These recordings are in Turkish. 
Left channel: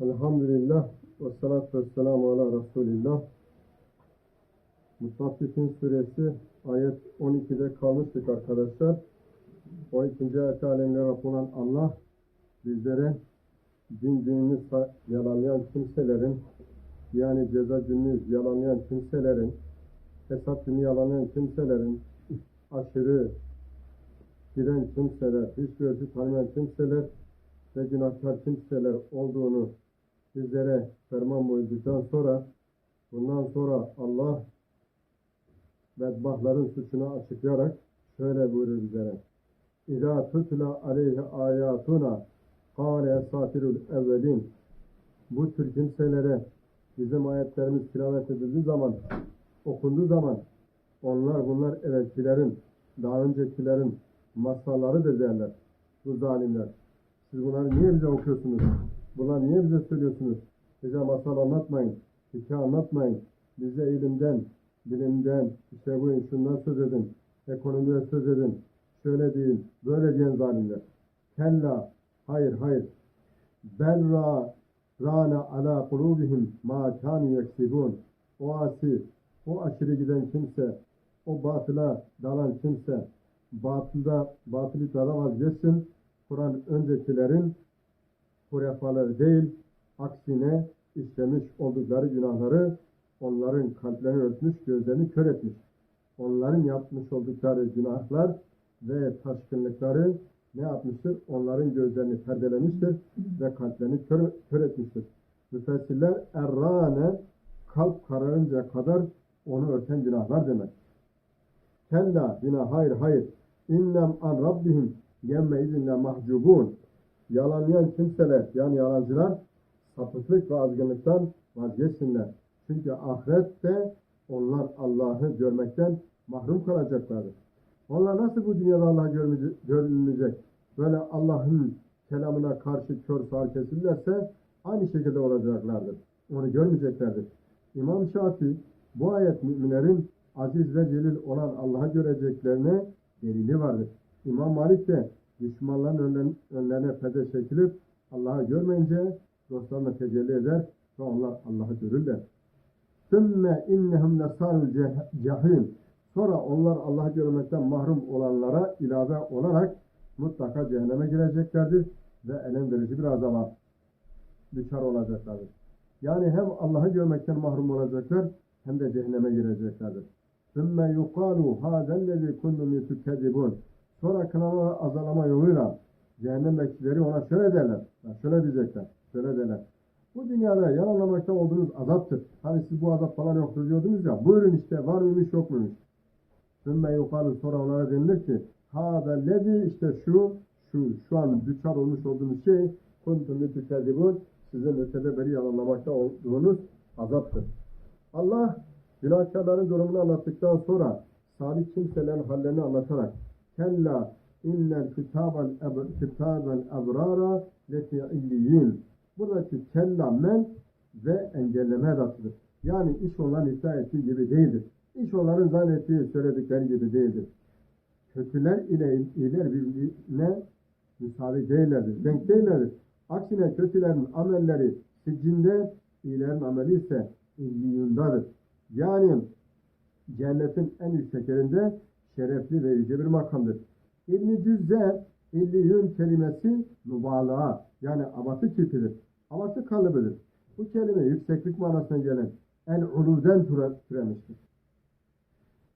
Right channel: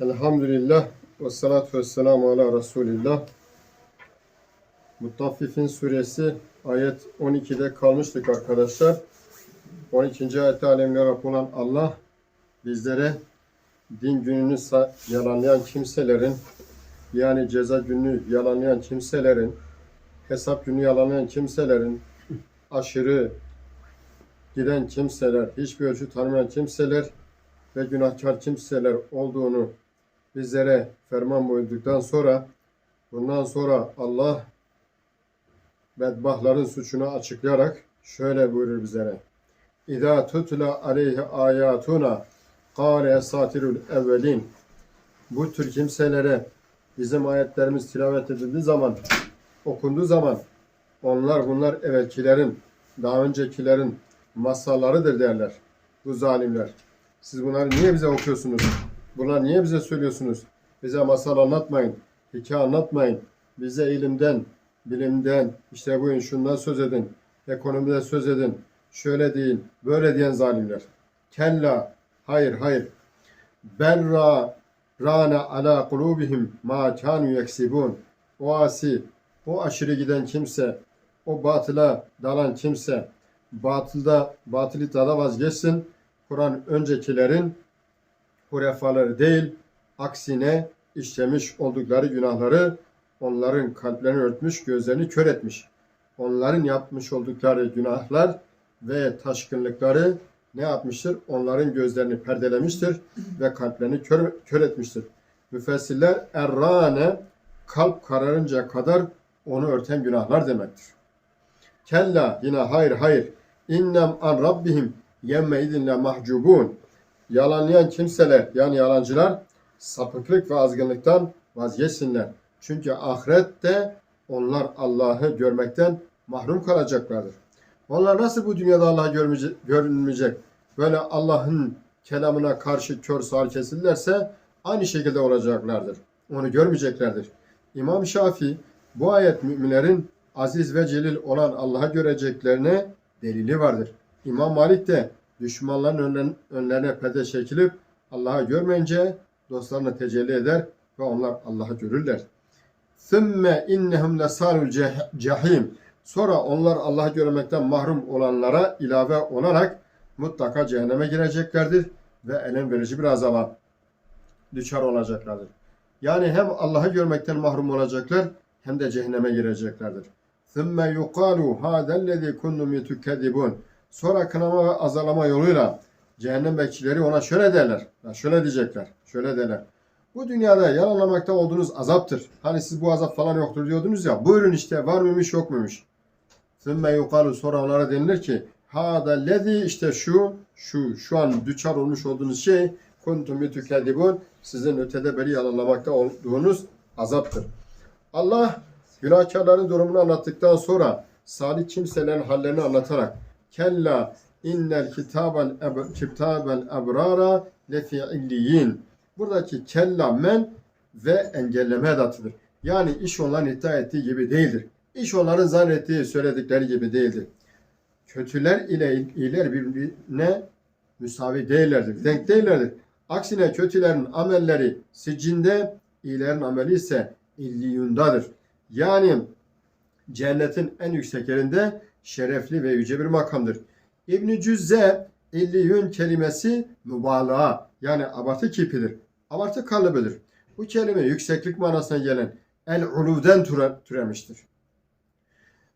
Elhamdülillah ve salatu ve selamu ala Resulillah. Mutaffifin suresi ayet 12'de kalmıştık arkadaşlar. 12. ayette alemler Rab olan Allah bizlere din gününü yalanlayan kimselerin yani ceza gününü yalanlayan kimselerin hesap günü yalanlayan kimselerin aşırı giden kimseler, hiçbir ölçü tanımayan kimseler ve günahkar kimseler olduğunu bizlere ferman buyurduktan sonra bundan sonra Allah bedbahtların suçunu açıklayarak şöyle buyurur bizlere. İza tutla aleyhi ayatuna kâle esatirul evvelin bu tür kimselere bizim ayetlerimiz tilavet edildiği zaman okunduğu zaman onlar bunlar evvelkilerin daha öncekilerin masallarıdır derler bu zalimler. Siz bunları niye bize okuyorsunuz? Bunları niye bize söylüyorsunuz? Bize masal anlatmayın, hikaye anlatmayın. Bize ilimden, bilimden, işte bugün şundan söz edin, ekonomide söz edin, şöyle deyin, böyle diyen zalimler. Kella, hayır hayır. Berra rane ala kulubihim ma kanu yeksibun. O asi, o aşırı giden kimse, o batıla dalan kimse, batılda, batılı tada vazgeçsin. Kur'an öncekilerin hurefaları değil, aksine işlemiş oldukları günahları onların kalplerini örtmüş, gözlerini kör etmiş. Onların yapmış oldukları günahlar ve taşkınlıkları ne yapmıştır? Onların gözlerini perdelemiştir ve kalplerini kör, kör etmiştir. Müfessirler errane kalp kararınca kadar onu örten günahlar demektir. Kella yine hayır hayır innem an rabbihim yemme idinle mahcubun. Yalanlayan kimseler yani yalancılar sapıklık ve azgınlıktan vazgeçsinler. Çünkü ahirette onlar Allah'ı görmekten mahrum kalacaklardır. Onlar nasıl bu dünyada Allah'ı görünmeyecek? Böyle Allah'ın kelamına karşı kör sağır kesilirlerse aynı şekilde olacaklardır. Onu görmeyeceklerdir. İmam Şafii bu ayet müminlerin aziz ve celil olan Allah'a göreceklerine delili vardır. İmam Malik de Düşmanların önlerine perde çekilip Allah'ı görmeyince dostlarını tecelli eder ve onlar Allah'ı görürler. Sümme innehum lesarul cehim. Sonra onlar Allah'ı görmekten mahrum olanlara ilave olarak mutlaka cehenneme gireceklerdir ve elem verici bir azaba düşer olacaklardır. Yani hem Allah'ı görmekten mahrum olacaklar hem de cehenneme gireceklerdir. ثُمَّ يُقَالُوا هَذَا الَّذ۪ي كُنُّمْ يُتُكَّذِبُونَ Sonra kınama ve azalama yoluyla cehennem bekçileri ona şöyle derler. Şöyle diyecekler. Şöyle derler. Bu dünyada yalanlamakta olduğunuz azaptır. Hani siz bu azap falan yoktur diyordunuz ya. Buyurun işte var mıymış yok muymuş. ثُمَّ yukalu sonra onlara denilir ki Hada lezi işte şu şu şu an düçar olmuş olduğunuz şey kuntum yutukedibun sizin ötede beri yalanlamakta olduğunuz azaptır. Allah günahkarların durumunu anlattıktan sonra salih kimselerin hallerini anlatarak kella innel kitabel eb kitabel ebrara lefi illiyin buradaki kella men ve engelleme edatıdır. Yani iş onların iddia ettiği gibi değildir. İş onların zannettiği, söyledikleri gibi değildir. Kötüler ile iyiler birbirine müsavi değillerdir, denk değillerdir. Aksine kötülerin amelleri siccinde, iyilerin ameli ise illiyundadır. Yani cennetin en yüksek yerinde şerefli ve yüce bir makamdır. İbn-i Cüzze illiyun kelimesi mübalağa yani abartı kipidir. Abartı kalıbıdır. Bu kelime yükseklik manasına gelen el-uluvden türe, türemiştir.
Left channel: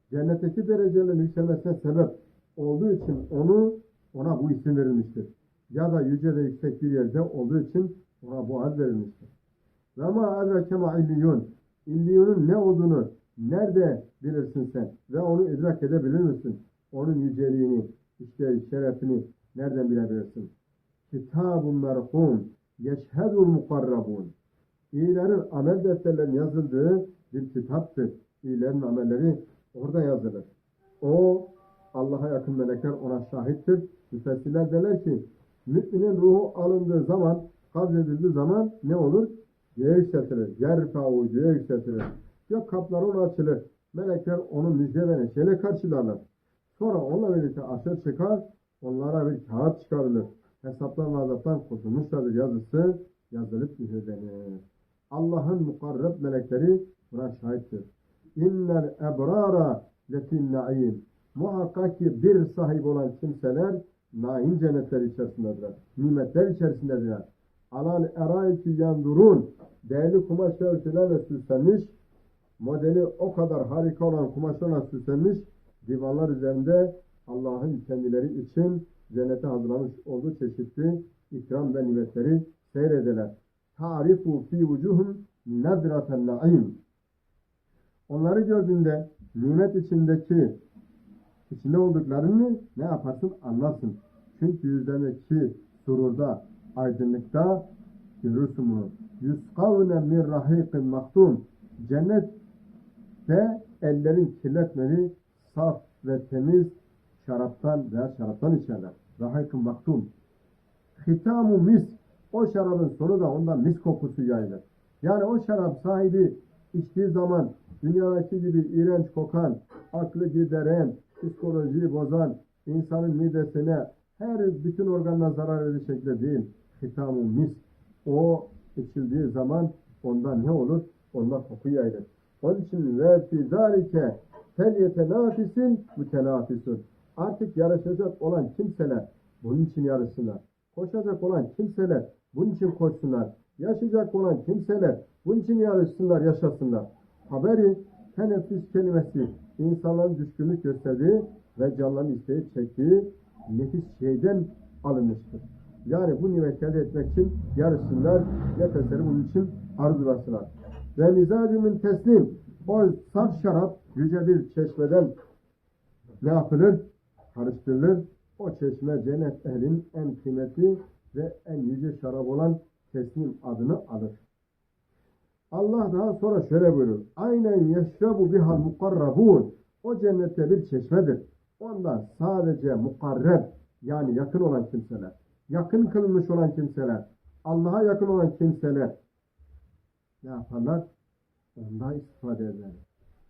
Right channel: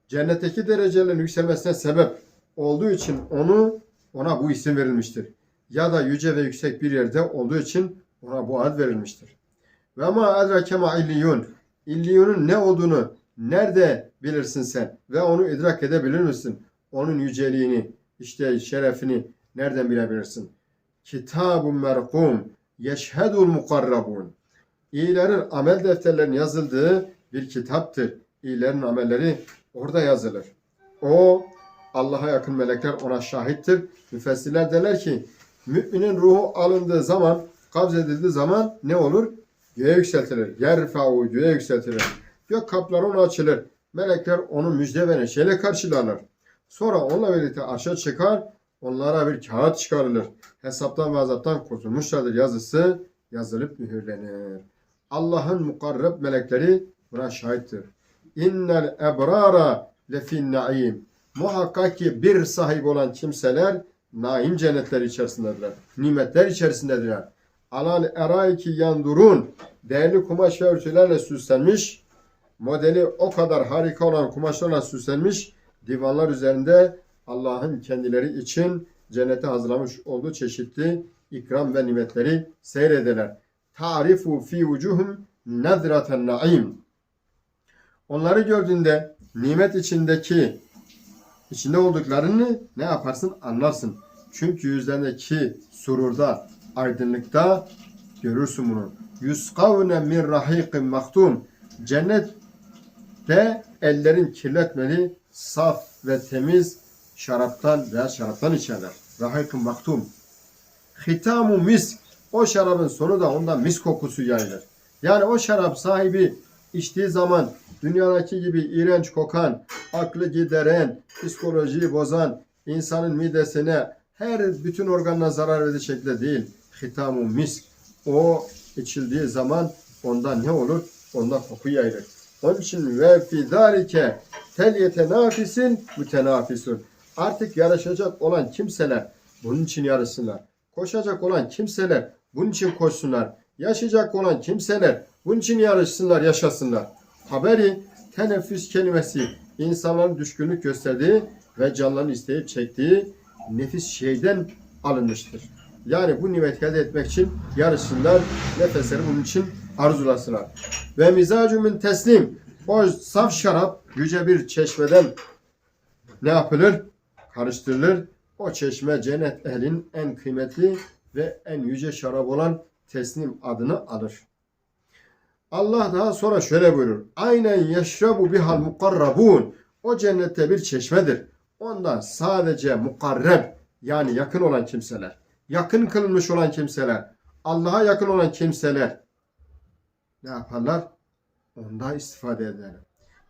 Cennetteki derecelerin yükselmesine sebep olduğu için onu ona bu isim verilmiştir. Ya da yüce ve yüksek bir yerde olduğu için ona bu ad verilmiştir. Ve ma edrake ma illiyun. İlliyunun ne olduğunu nerede bilirsin sen ve onu idrak edebilir misin? Onun yüceliğini, işte şerefini nereden bilebilirsin? Kitabun merkum yeşhedul mukarrabun. İyilerin amel defterlerinin yazıldığı bir kitaptır. İyilerin amelleri orada yazılır. O Allah'a yakın melekler ona şahittir. Müfessirler derler ki müminin ruhu alındığı zaman, kabz edildiği zaman ne olur? Göğe yükseltilir. Yerfa'u göğe yükseltilir. Gök kapları ona açılır. Melekler onu müjde ve neşeyle karşılarlar. Sonra onunla birlikte arşa çıkar, onlara bir kağıt çıkarılır. Hesaptan ve azaptan kurtulmuşlardır yazısı yazılıp mühürlenir. Allah'ın mukarreb melekleri buna şahittir. İnnel ebrara lefin naim. Muhakkak ki bir sahip olan kimseler naim cennetler içerisindedirler. Nimetler içerisindedirler. Alal eraiki yandurun. Değerli kumaş ve örtülerle süslenmiş. Modeli o kadar harika olan kumaşlarla süslenmiş. Divanlar üzerinde Allah'ın kendileri için cennete hazırlamış olduğu çeşitli ikram ve nimetleri seyrederler. Tarifu fi vucuhum nedraten naim. Onları gördüğünde nimet içindeki içinde olduklarını ne yaparsın anlarsın. Çünkü yüzlerindeki sururda, aydınlıkta görürsün bunu. Yuskavne min rahiqin maktum. Cennette ellerin kirletmeli, saf ve temiz şaraptan veya şaraptan içerler. Rahiqin maktum. Hitamu misk. O şarabın sonu da ondan mis kokusu yayılır. Yani o şarap sahibi içtiği zaman dünyadaki gibi iğrenç kokan, aklı gideren, psikolojiyi bozan, insanın midesine, her bütün organına zarar verecek şekilde değil. Hitamu misk. O içildiği zaman ondan ne olur? Ondan koku yayılır. Onun için ve fi zalike tel yetenafisin mütenafisun. Artık yarışacak olan kimseler bunun için yarışsınlar. Koşacak olan kimseler bunun için koşsunlar. Yaşayacak olan kimseler bunun için yarışsınlar, yaşasınlar. Haberi teneffüs kelimesi insanların düşkünlük gösterdiği ve canlarını isteyip çektiği nefis şeyden alınmıştır. Yani bu nimeti elde etmek için yarışsınlar, nefesleri bunun için arzulasınlar. Ve mizacümün teslim, o saf şarap yüce bir çeşmeden ne yapılır? Karıştırılır. O çeşme cennet ehlin en kıymetli ve en yüce şarap olan teslim adını alır. Allah daha sonra şöyle buyurur. Aynen yeşrabu bihal mukarrabun. O cennette bir çeşmedir. Ondan sadece mukarreb yani yakın olan kimseler, yakın kılınmış olan kimseler, Allah'a yakın olan kimseler ne yaparlar? Ondan istifade ederler.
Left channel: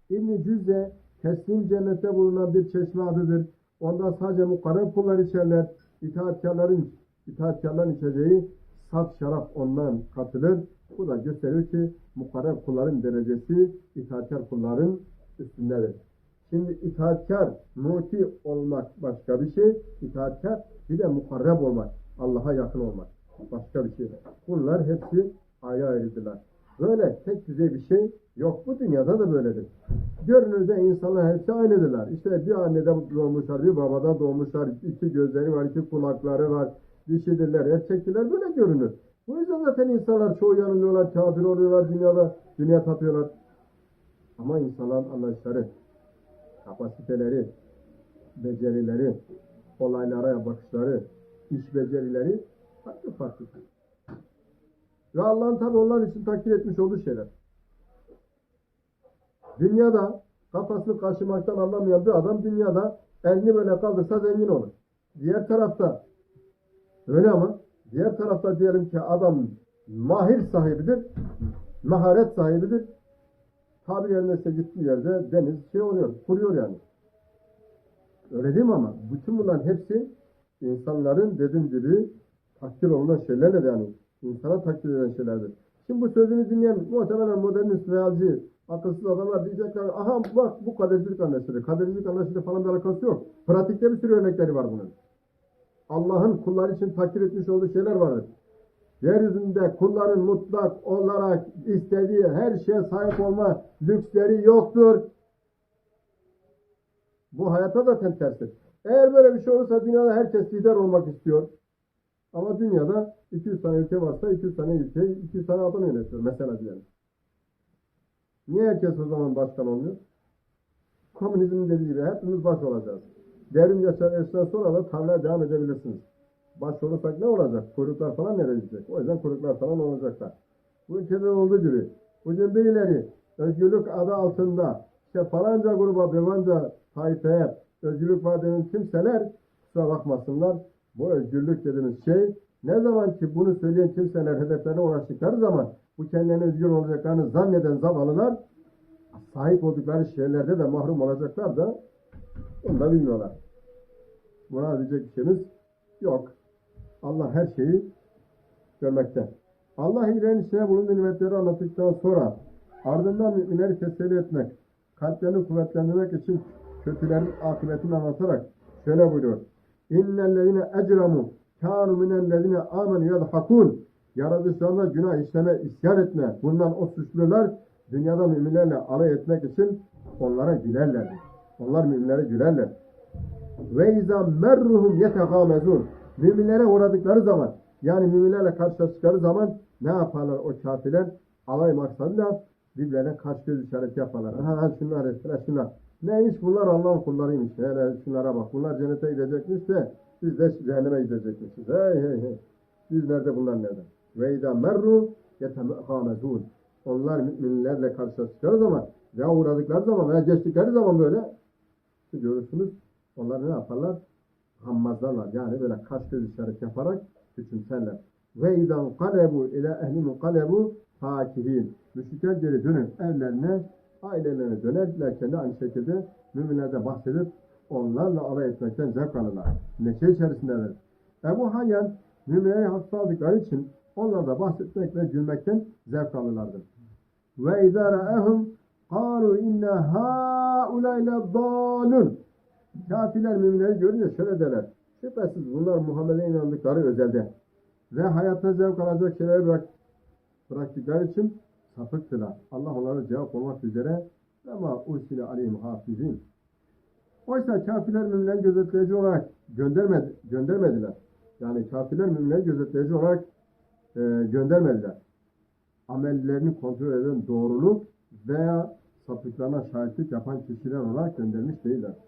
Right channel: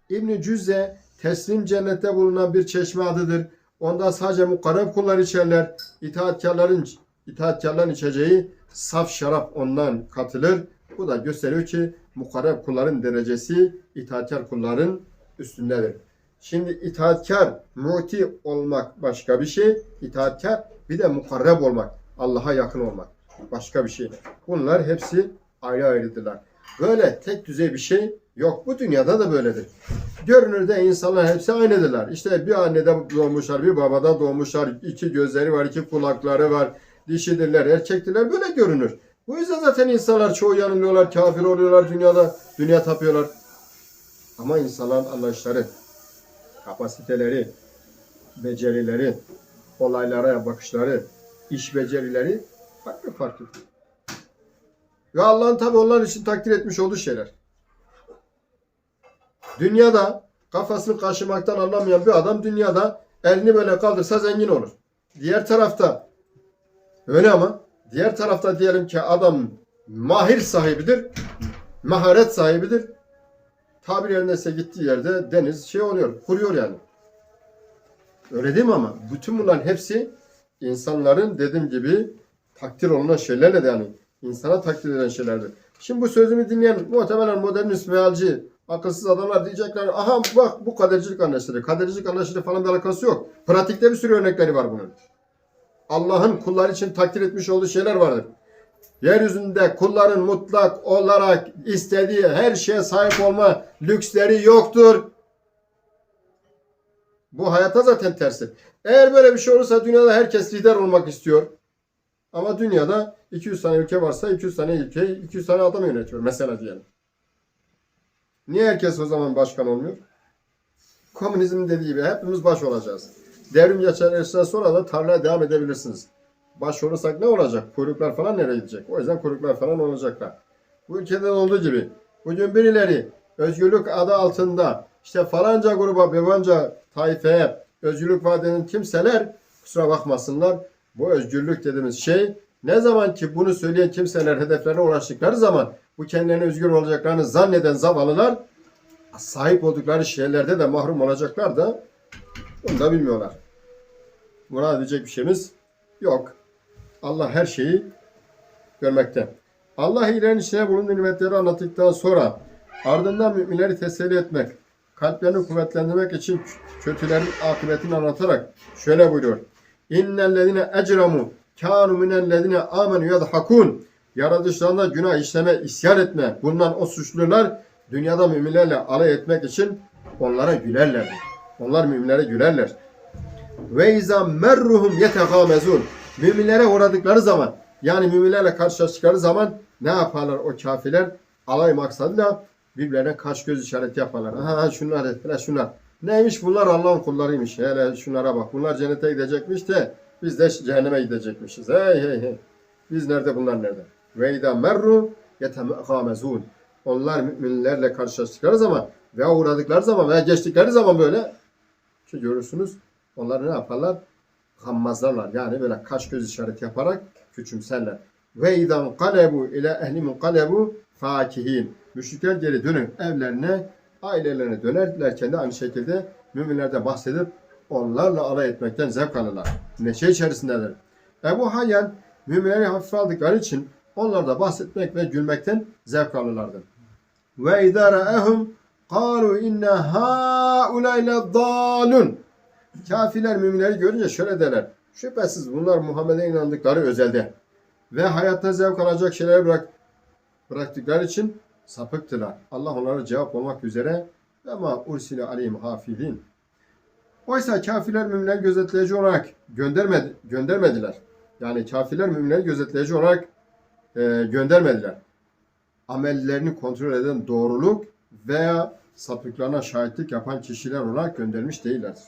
İbn Cüzze teslim cennette bulunan bir çeşme adıdır. Onda sadece mukarreb kullar içerler. İtaatkarların itaatkarların içeceği saf şarap ondan katılır. Bu da gösteriyor ki mukarreb kulların derecesi itaatkar kulların üstündedir. Şimdi itaatkar, muti olmak başka bir şey. İtaatkar bir de mukarreb olmak. Allah'a yakın olmak. Başka bir şey. Bunlar hepsi ayrı ayrıdırlar. Böyle tek düzey bir şey yok. Bu dünyada da böyledir. Görünürde insanlar hepsi aynıdırlar. İşte bir annede doğmuşlar, bir babada doğmuşlar. iki gözleri var, iki kulakları var. Dişidirler, erkektirler. Böyle görünür. Bu yüzden zaten insanlar çoğu yanılıyorlar, kafir oluyorlar dünyada. Dünya tapıyorlar. Ama insanların anlayışları, kapasiteleri, becerileri, olaylara bakışları, iş becerileri farklı farklı. Ve Allah'ın tabi onlar için takdir etmiş olduğu şeyler. Dünyada kafasını kaşımaktan anlamayan bir adam dünyada elini böyle kaldırsa zengin olur. Diğer tarafta öyle ama diğer tarafta diyelim ki adam mahir sahibidir, maharet sahibidir. Tabir yerindeyse gittiği yerde deniz şey oluyor, kuruyor yani. Öyle değil mi ama? Bütün bunların hepsi insanların dediğim gibi takdir olunan şeylerle de yani insana takdir edilen şeylerdir. Şimdi bu sözümü dinleyen muhtemelen modernist mealci, akılsız adamlar diyecekler aha bak bu kadercilik anlayışları. Kadercilik anlayışları falan bir alakası yok. Pratikte bir sürü örnekleri var bunun. Allah'ın kullar için takdir etmiş olduğu şeyler vardır. Yeryüzünde kulların mutlak olarak istediği her şeye sahip olma lüksleri yoktur. Bu hayata zaten tersi. Eğer böyle bir şey olursa dünyada herkes lider olmak istiyor. Ama dünyada 200 tane ülke varsa 200 tane ülke 200 tane adam yönetiyor mesela diyelim. Niye herkes o zaman başkan olmuyor? Komünizm dediği gibi hepimiz baş olacağız. Devrim geçerlerinden sonra da tarlaya devam edebilirsiniz. Baş olursak ne olacak? Kuyruklar falan nereye gidecek? O yüzden kuyruklar falan olacaklar. Bu ülkede olduğu gibi bugün birileri özgürlük adı altında işte falanca gruba, bebanca taifeye özgürlük vaat kimseler kusura bakmasınlar. Bu özgürlük dediğimiz şey ne zaman ki bunu söyleyen kimseler hedeflerine ulaştıkları zaman bu kendilerine özgür olacaklarını zanneden zavallılar sahip oldukları şeylerde de mahrum olacaklar da onu da bilmiyorlar. Buna diyecek bir şeyimiz yok. Allah her şeyi görmekte. Allah iyilerin içine bulunduğu nimetleri anlattıktan sonra ardından müminleri teselli etmek, kalplerini kuvvetlendirmek için kötülerin akıbetini anlatarak şöyle buyuruyor. İnnellezine ecramu kânu minellezine amenu yadhakun. Yaratışlarında günah işleme, isyan etme. Bundan o suçlular dünyada müminlerle alay etmek için onlara gülerlerdi. Onlar müminlere gülerler. Ve izâ merruhum yetegâmezûn. Müminlere uğradıkları zaman yani müminlerle karşılaştıkları zaman ne yaparlar o kafirler? Alay maksadıyla birbirlerine kaş göz işareti yaparlar. Aha, şunlar hele şunlar. Neymiş bunlar Allah'ın kullarıymış. Hele şunlara bak. Bunlar cennete gidecekmiş de biz de cehenneme gidecekmişiz. Hey hey hey. Biz nerede bunlar nerede? Ve izâ merru yetegâmezûn. Onlar müminlerle karşılaştıkları zaman veya uğradıkları zaman veya geçtikleri zaman böyle ki görürsünüz onlar ne yaparlar? Gammazlarlar. Yani böyle kaş göz işareti yaparak küçümserler. Ve idan kalebu ile ehli munqalebu fakihin. Müşrikler geri dönüp evlerine, ailelerine dönerlerken de aynı şekilde müminlerde bahsedip onlarla alay etmekten zevk alırlar. Neşe içerisindedir. Ebu Hayyan müminleri hafife aldıkları için onlarda bahsetmek ve gülmekten zevk alırlardı. Ve izâ ra'ehum kâlu inne hâulâyle dâlun. Kafirler müminleri görünce şöyle derler. Şüphesiz bunlar Muhammed'e inandıkları özelde ve hayatta zevk alacak şeyleri bırak, bıraktıkları için sapıktılar. Allah onlara cevap olmak üzere ama ursile aleyhim hafidin. Oysa kafirler müminleri gözetleyici olarak göndermedi, göndermediler. Yani kafirler müminleri gözetleyici olarak e, göndermediler. Amellerini kontrol eden doğruluk veya sapıklarına şahitlik yapan kişiler olarak göndermiş değillerdir.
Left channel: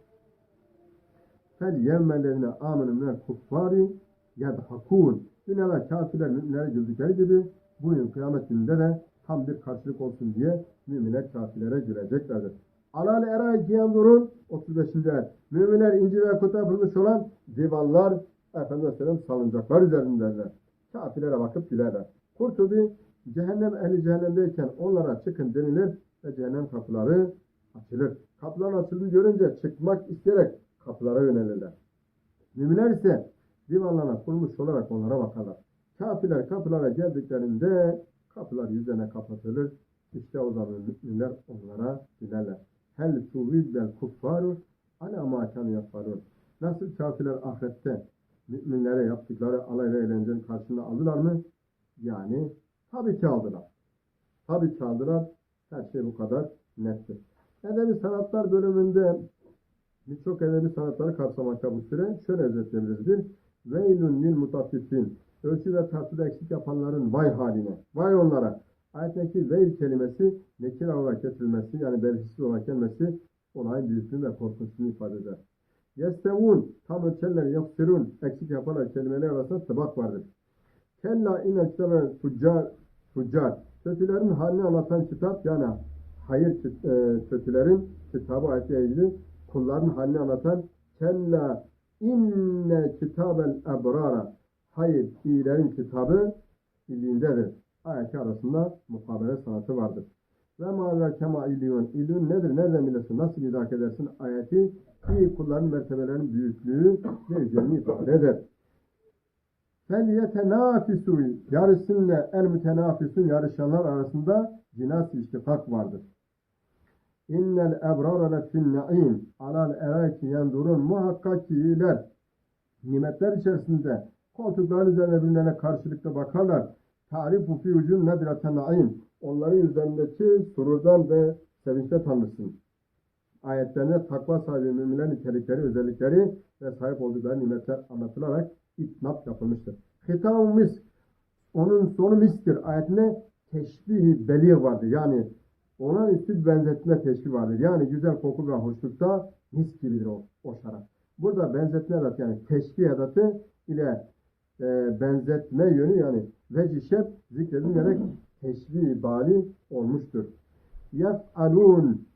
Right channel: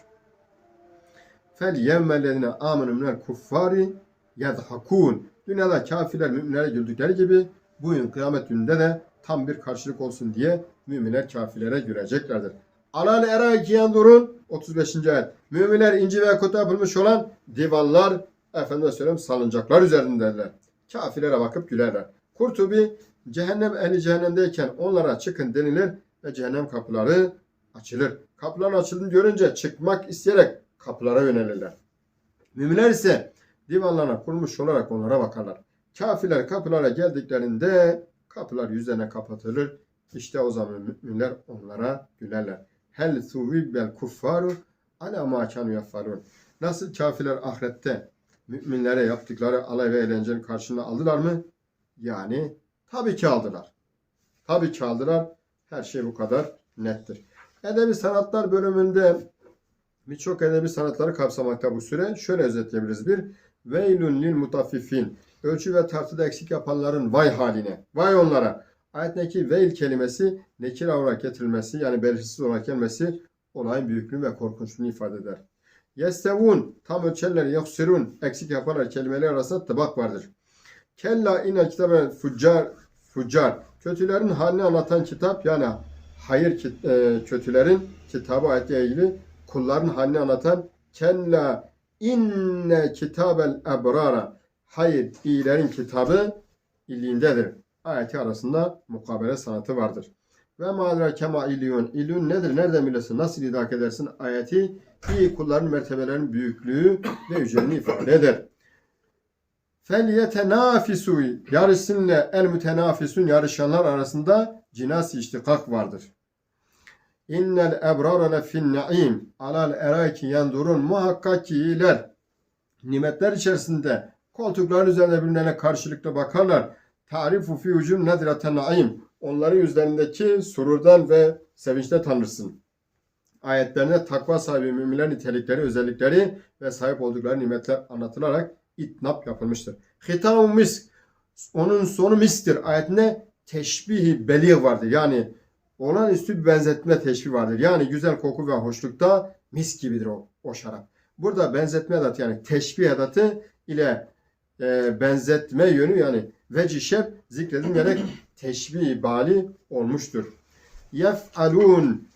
Fel yevmellezine amenu minel kuffari yedhakun. Dünyada kafirler müminlere güldükleri gibi bugün kıyamet gününde de tam bir karşılık olsun diye müminler kafirlere güleceklerdir. Alal eraki yandurun 35. ayet. Müminler inci ve kutu yapılmış olan divanlar efendime söyleyeyim salıncaklar üzerindeler. Kafirlere bakıp gülerler. Kurtubi cehennem ehli cehennemdeyken onlara çıkın denilir ve cehennem kapıları açılır. Kapıların açıldığını görünce çıkmak isteyerek kapılara yönelirler. Müminler ise divanlarına kurmuş olarak onlara bakarlar. Kafirler kapılara geldiklerinde kapılar yüzlerine kapatılır. İşte o zaman müminler onlara gülerler. Hel suvibbel kuffaru ala ma kanu. Nasıl kafirler ahirette müminlere yaptıkları alay ve eğlencenin karşılığını aldılar mı? Yani tabii ki aldılar. Tabii ki aldılar. Her şey bu kadar nettir. Edebi sanatlar bölümünde birçok edebi sanatları kapsamakta bu süre. Şöyle özetleyebiliriz. Bir, veylun lil mutaffifin. Ölçü ve tartıda eksik yapanların vay haline. Vay onlara. Ayetteki veil kelimesi nekir olarak getirilmesi yani belirsiz olarak gelmesi olayın büyüklüğü ve korkunçluğunu ifade eder. Yestevun tam ölçerler yaksirun eksik yaparlar kelimeler arasında tıbak vardır. Kella inne kitaben fuccar fuccar kötülerin halini anlatan kitap yani hayır e, kötülerin kitabı ayetle ilgili kulların halini anlatan kella inne kitabel ebrara hayır iyilerin kitabı iliğindedir. Ayeti arasında mukabele sanatı vardır. Ve madra kema iliyun. İliyun nedir? Nereden bilirsin? Nasıl idrak edersin? Ayeti iyi kulların mertebelerinin büyüklüğü ve yüceliğini ifade eder. Felyetenafisu yarışsınla el mütenafisun yarışanlar arasında cinasi iştikak vardır. İnnel ebrara lefin naim alal eraki yandurun muhakkak ki iyiler nimetler içerisinde koltukların üzerinde birbirlerine karşılıklı bakarlar. Tarifu fi ucun nedraten naim onların yüzlerindeki sururdan ve sevinçte tanırsın. Ayetlerinde takva sahibi müminler nitelikleri, özellikleri ve sahip oldukları nimetler anlatılarak itnap yapılmıştır. Hitam misk onun sonu mistir. Ayetinde teşbihi belir vardır. Yani olan üstü bir benzetme teşbih vardır. Yani güzel koku ve hoşlukta mis gibidir o, o şarap. Burada benzetme edatı yani teşbih edatı ile e, benzetme yönü yani veci şep zikredilmeyerek teşbih bali olmuştur. Yef'alun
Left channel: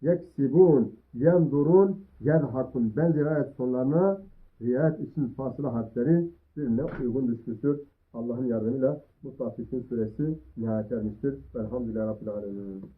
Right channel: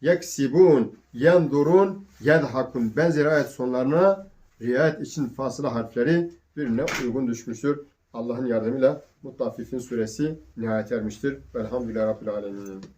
yeksibun yendurun yedhakun benzeri ayet sonlarına riayet için fasıla harfleri birbirine uygun düşmüştür. Allah'ın yardımıyla Mutaffifin suresi nihayet ermiştir. Velhamdülillah Rabbil Alemin.